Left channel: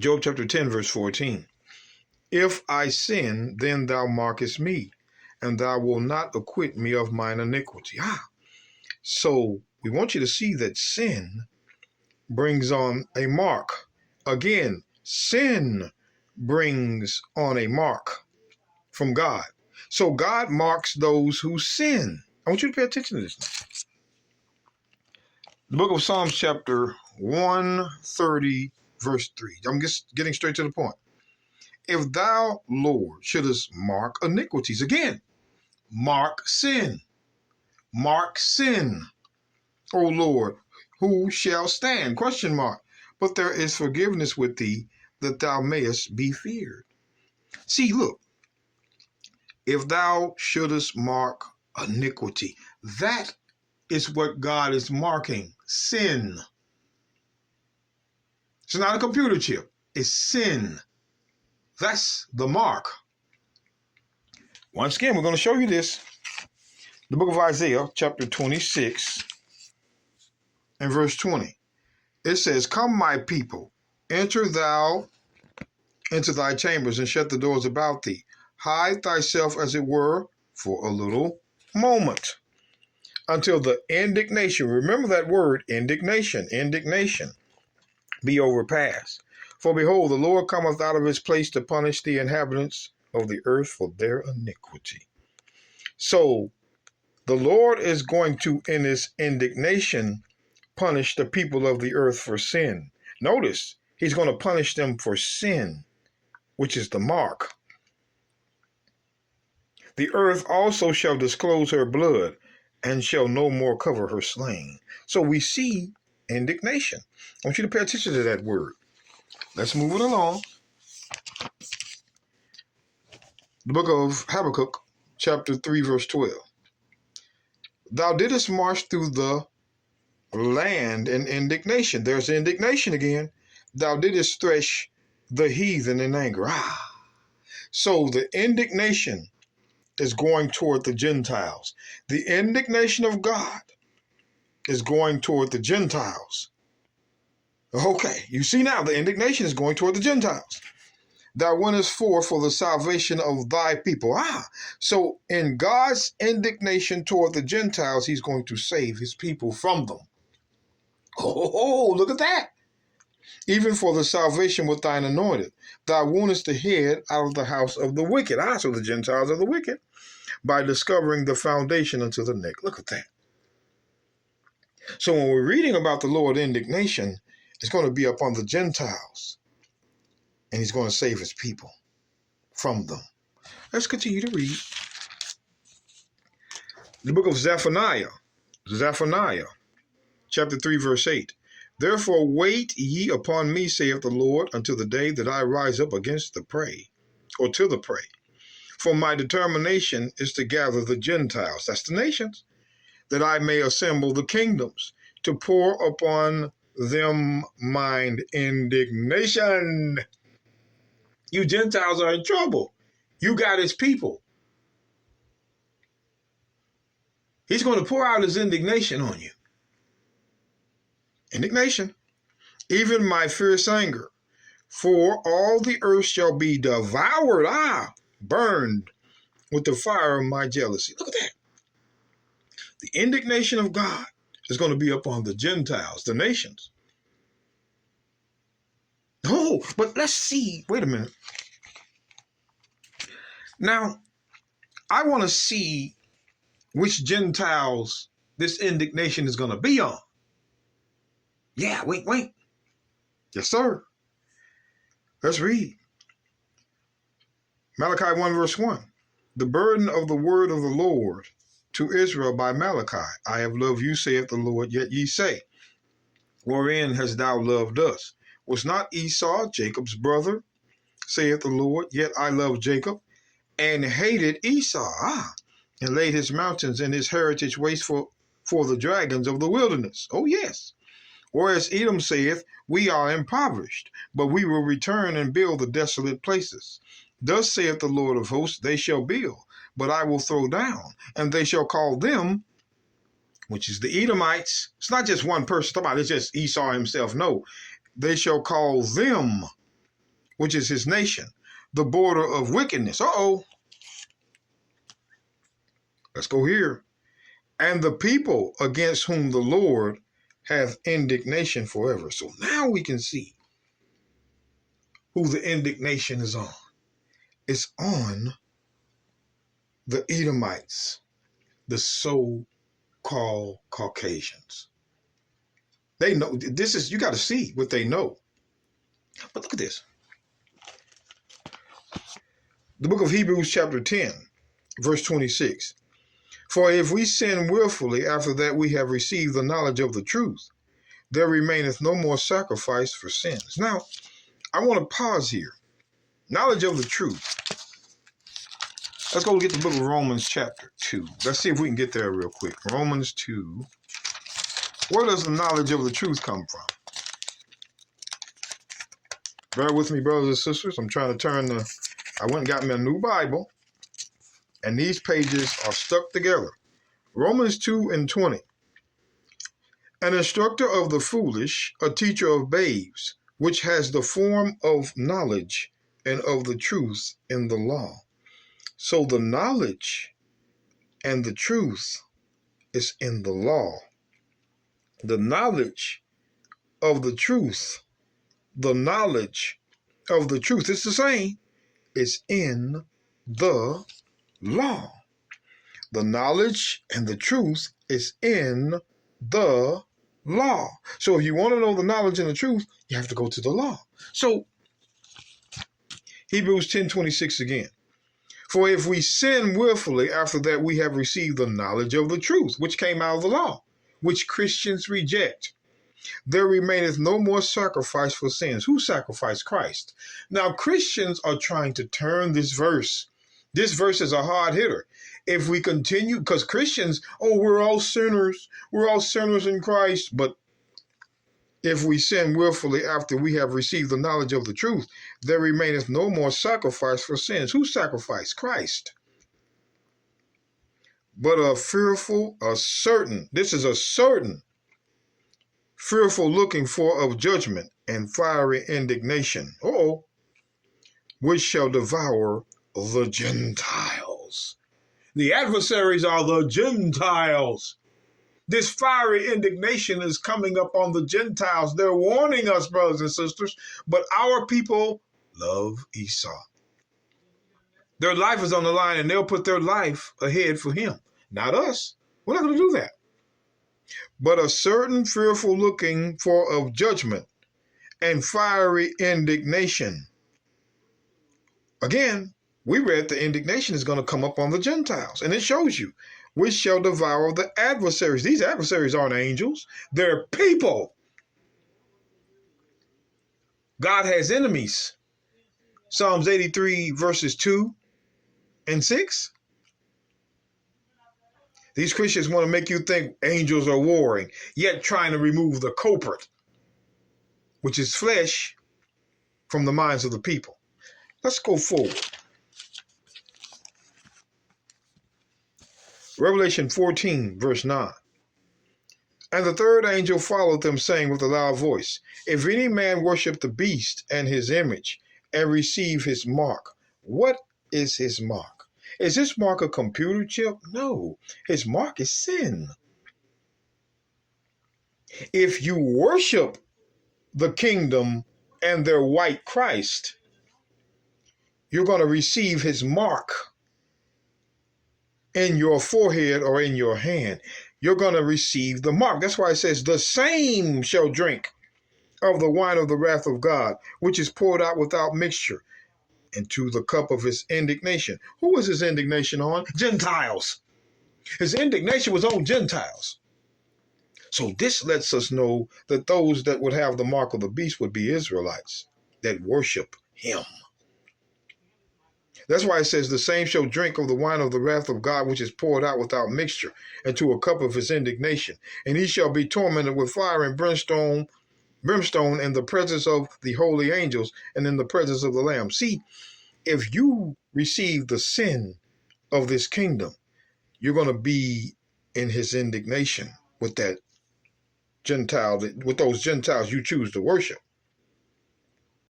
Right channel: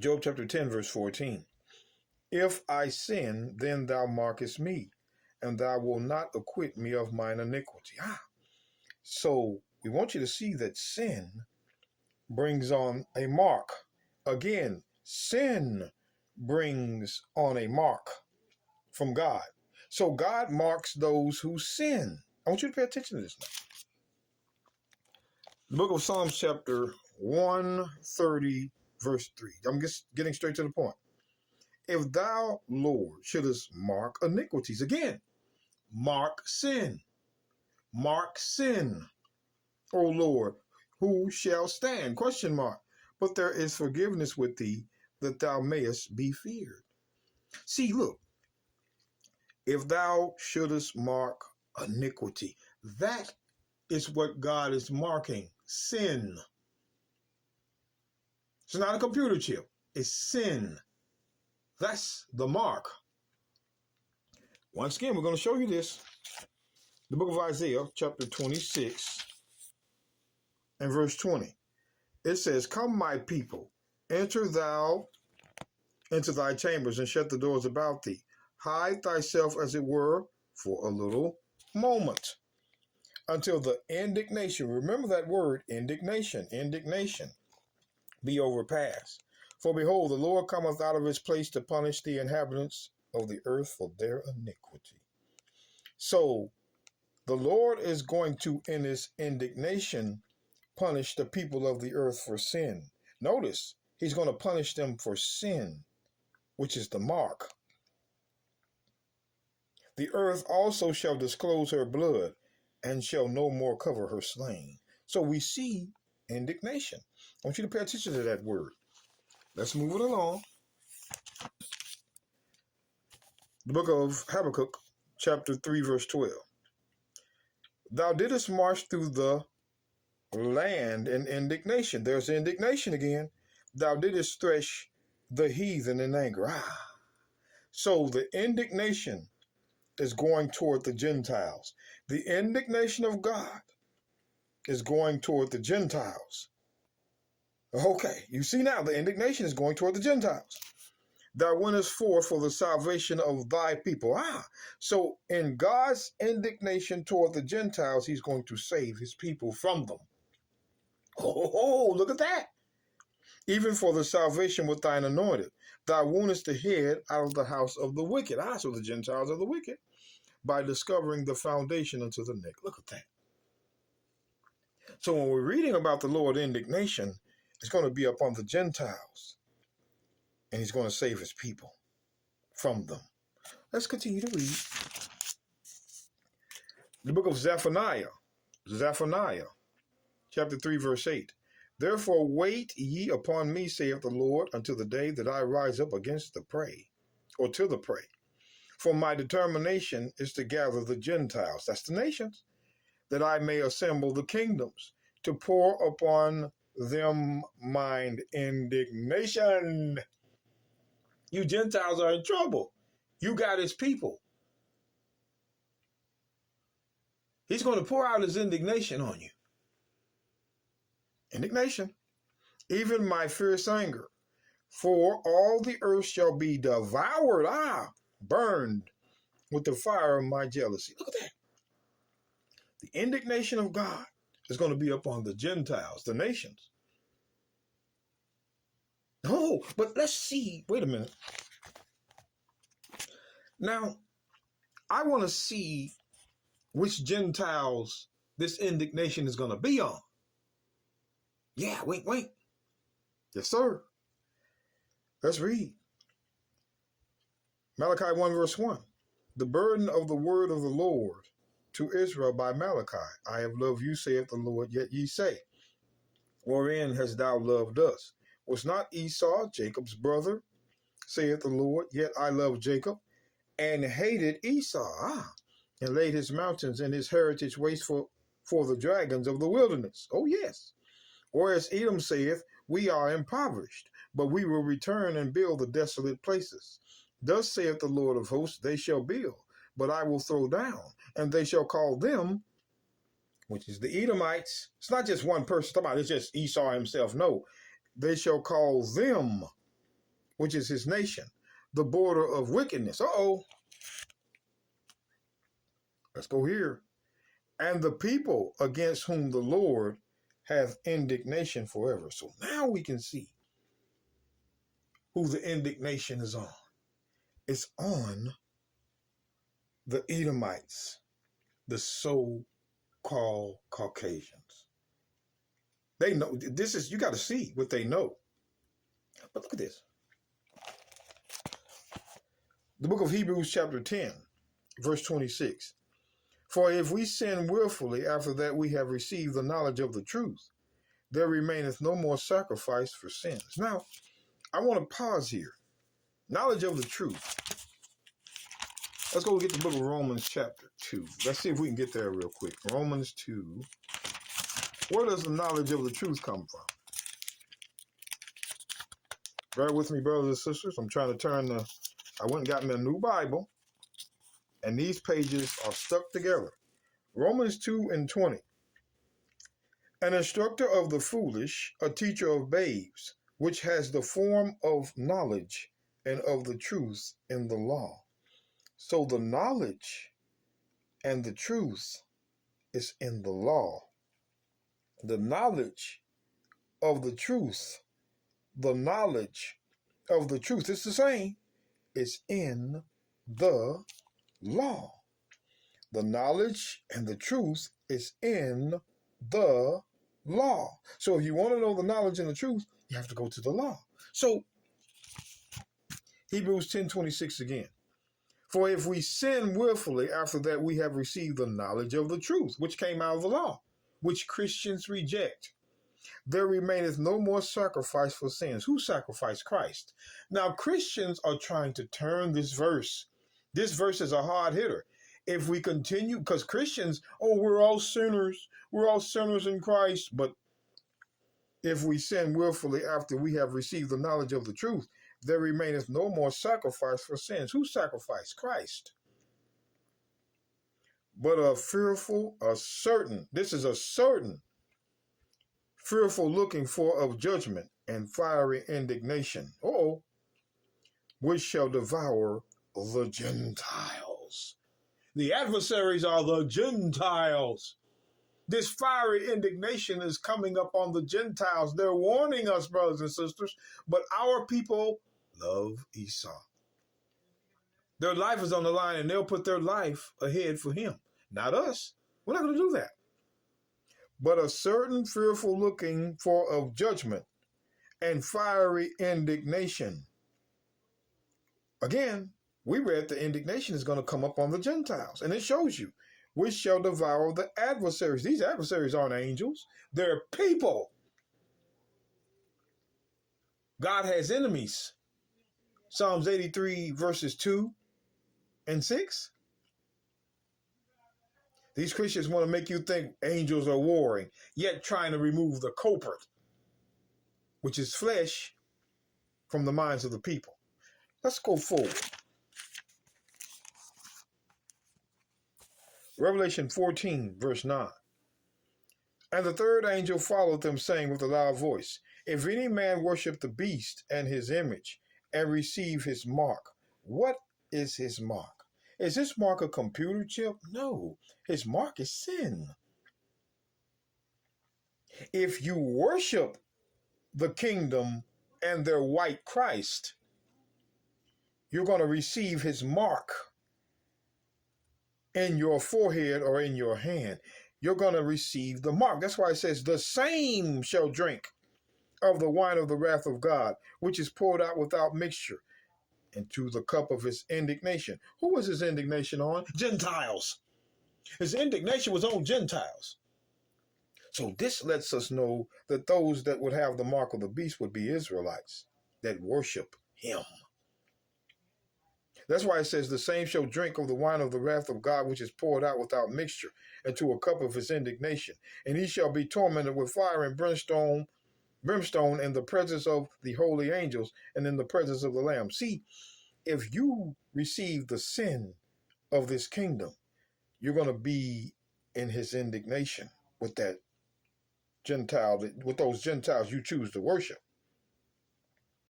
Job chapter 10, verse 14. If I sin, then thou markest me, and thou wilt not acquit me of mine iniquity. So we want you to see that sin brings on a mark. Again, sin brings on a mark from God. So God marks those who sin. I want you to pay attention to this now. The book of Psalms chapter 130, verse 3. I'm just getting straight to the point. If thou, Lord, shouldest mark iniquities, again, mark sin. Mark sin. O Lord, who shall stand? Question mark. But there is forgiveness with thee, that thou mayest be feared. See, look. If thou shouldest mark iniquity, that is what God is marking. Sin. It's not a computer chip. It's sin. That's the mark. Once again, we're going to show you this. The book of Isaiah, chapter 26, and verse 20. It says, Come, my people, enter thou into thy chambers, and shut the doors about thee. Hide thyself, as it were, for a little moment, until the indignation, remember that word, indignation, be overpassed. For behold, the Lord cometh out of his place to punish the inhabitants of the earth for their iniquity. So the Lord is going to, in his indignation, punish the people of the earth for sin. Notice, he's going to punish them for sin, which is the mark. The earth also shall disclose her blood, and shall no more cover her slain. So we see indignation. I want you to pay attention to that word. Let's move it along. The book of Habakkuk, chapter 3, verse 12. Thou didst march through the land in indignation. There's indignation again. Thou didst thresh the heathen in anger. So the indignation is going toward the Gentiles. The indignation of God is going toward the Gentiles. Okay, you see now the indignation is going toward the Gentiles. Thou wentest forth for the salvation of thy people. So in God's indignation toward the Gentiles, he's going to save his people from them. Oh, look at that. Even for the salvation with thine anointed. Thou woundest the head out of the house of the wicked. So the Gentiles are the wicked. By discovering the foundation unto the neck. Look at that. So when we're reading about the Lord's indignation, it's going to be upon the Gentiles. And he's going to save his people from them. Let's continue to read. The book of Zephaniah, chapter 3, verse 8. Therefore wait ye upon me, saith the Lord, until the day that I rise up against the prey, or to the prey. For my determination is to gather the Gentiles, that's the nations, that I may assemble the kingdoms, to pour upon them mine indignation. You Gentiles are in trouble. You got his people. He's going to pour out his indignation on you. Indignation. Even my fierce anger. For all the earth shall be devoured, burned with the fire of my jealousy. Look at that. The indignation of God is going to be upon the Gentiles, the nations. Oh, but let's see. Wait a minute. Now, I want to see which Gentiles this indignation is going to be on. Yeah, wait. Yes, sir. Let's read. Malachi 1, verse 1. The burden of the word of the Lord to Israel by Malachi. I have loved you, saith the Lord, yet ye say, wherein hast thou loved us? Was not Esau Jacob's brother, saith the Lord, yet I loved Jacob, and hated Esau, and laid his mountains and his heritage waste for the dragons of the wilderness. Oh, yes. Whereas Edom saith, we are impoverished, but we will return and build the desolate places. Thus saith the Lord of hosts, they shall build, but I will throw down, and they shall call them, which is the Edomites. It's not just one person talking about, it's just Esau himself. No, they shall call them which is his nation, the border of wickedness. Let's go here. And the people against whom the Lord hath indignation forever. So now we can see who the indignation is on. It's on the Edomites, the so-called Caucasians. They know this is, you got to see what they know. But look at this. The book of Hebrews chapter 10, verse 26. For if we sin willfully after that we have received the knowledge of the truth, there remaineth no more sacrifice for sins. Now, I want to pause here. Knowledge of the truth. Let's go get the book of Romans chapter 2. Let's see if we can get there real quick. Romans 2. Where does the knowledge of the truth come from? Bear with me, brothers and sisters. I'm trying to turn I went and got me a new Bible, and these pages are stuck together. Romans 2 and 20. An instructor of the foolish, a teacher of babes, which has the form of knowledge and of the truth in the law. So the knowledge and the truth is in the law. The knowledge of the truth, the knowledge of the truth, it's the same, is in the law. The knowledge and the truth is in the law. So if you want to know the knowledge and the truth, you have to go to the law. So Hebrews 10:26 again. For if we sin willfully after that we have received the knowledge of the truth, which came out of the law, which Christians reject, there remaineth no more sacrifice for sins. Who sacrificed? Christ. Now Christians are trying to turn this verse. This verse is a hard hitter. If we continue, because Christians, we're all sinners. We're all sinners in Christ. But if we sin willfully after we have received the knowledge of the truth, there remaineth no more sacrifice for sins. Who sacrificed? Christ. But this is a certain, fearful looking for of judgment and fiery indignation, which shall devour the Gentiles. The adversaries are the Gentiles. This fiery indignation is coming up on the Gentiles. They're warning us, brothers and sisters, but our people love Esau. Their life is on the line, and they'll put their life ahead for him, not us. We're not going to do that. But a certain fearful looking for of judgment and fiery indignation. Again, we read the indignation is going to come up on the Gentiles, and it shows you, which shall devour the adversaries. These adversaries aren't angels. They're people. God has enemies. Psalms 83 verses 2 and 6. These Christians want to make you think angels are warring, yet trying to remove the culprit, which is flesh, from the minds of the people. Let's go forward. Revelation 14, verse 9. And the third angel followed them, saying with a loud voice, if any man worship the beast and his image and receive his mark. What is his mark? Is his mark a computer chip? No, his mark is sin. If you worship the kingdom and their white Christ, you're going to receive his mark in your forehead or in your hand. You're going to receive the mark. That's why it says, the same shall drink of the wine of the wrath of God, which is poured out without mixture into the cup of his indignation. Who was his indignation on? Gentiles. His indignation was on Gentiles. So this lets us know that those that would have the mark of the beast would be Israelites that worship him. That's why it says, the same shall drink of the wine of the wrath of God, which is poured out without mixture into a cup of his indignation. And he shall be tormented with fire and brimstone in the presence of the holy angels and in the presence of the Lamb. See, if you receive the sin of this kingdom, you're going to be in his indignation with that Gentile, with those Gentiles you choose to worship.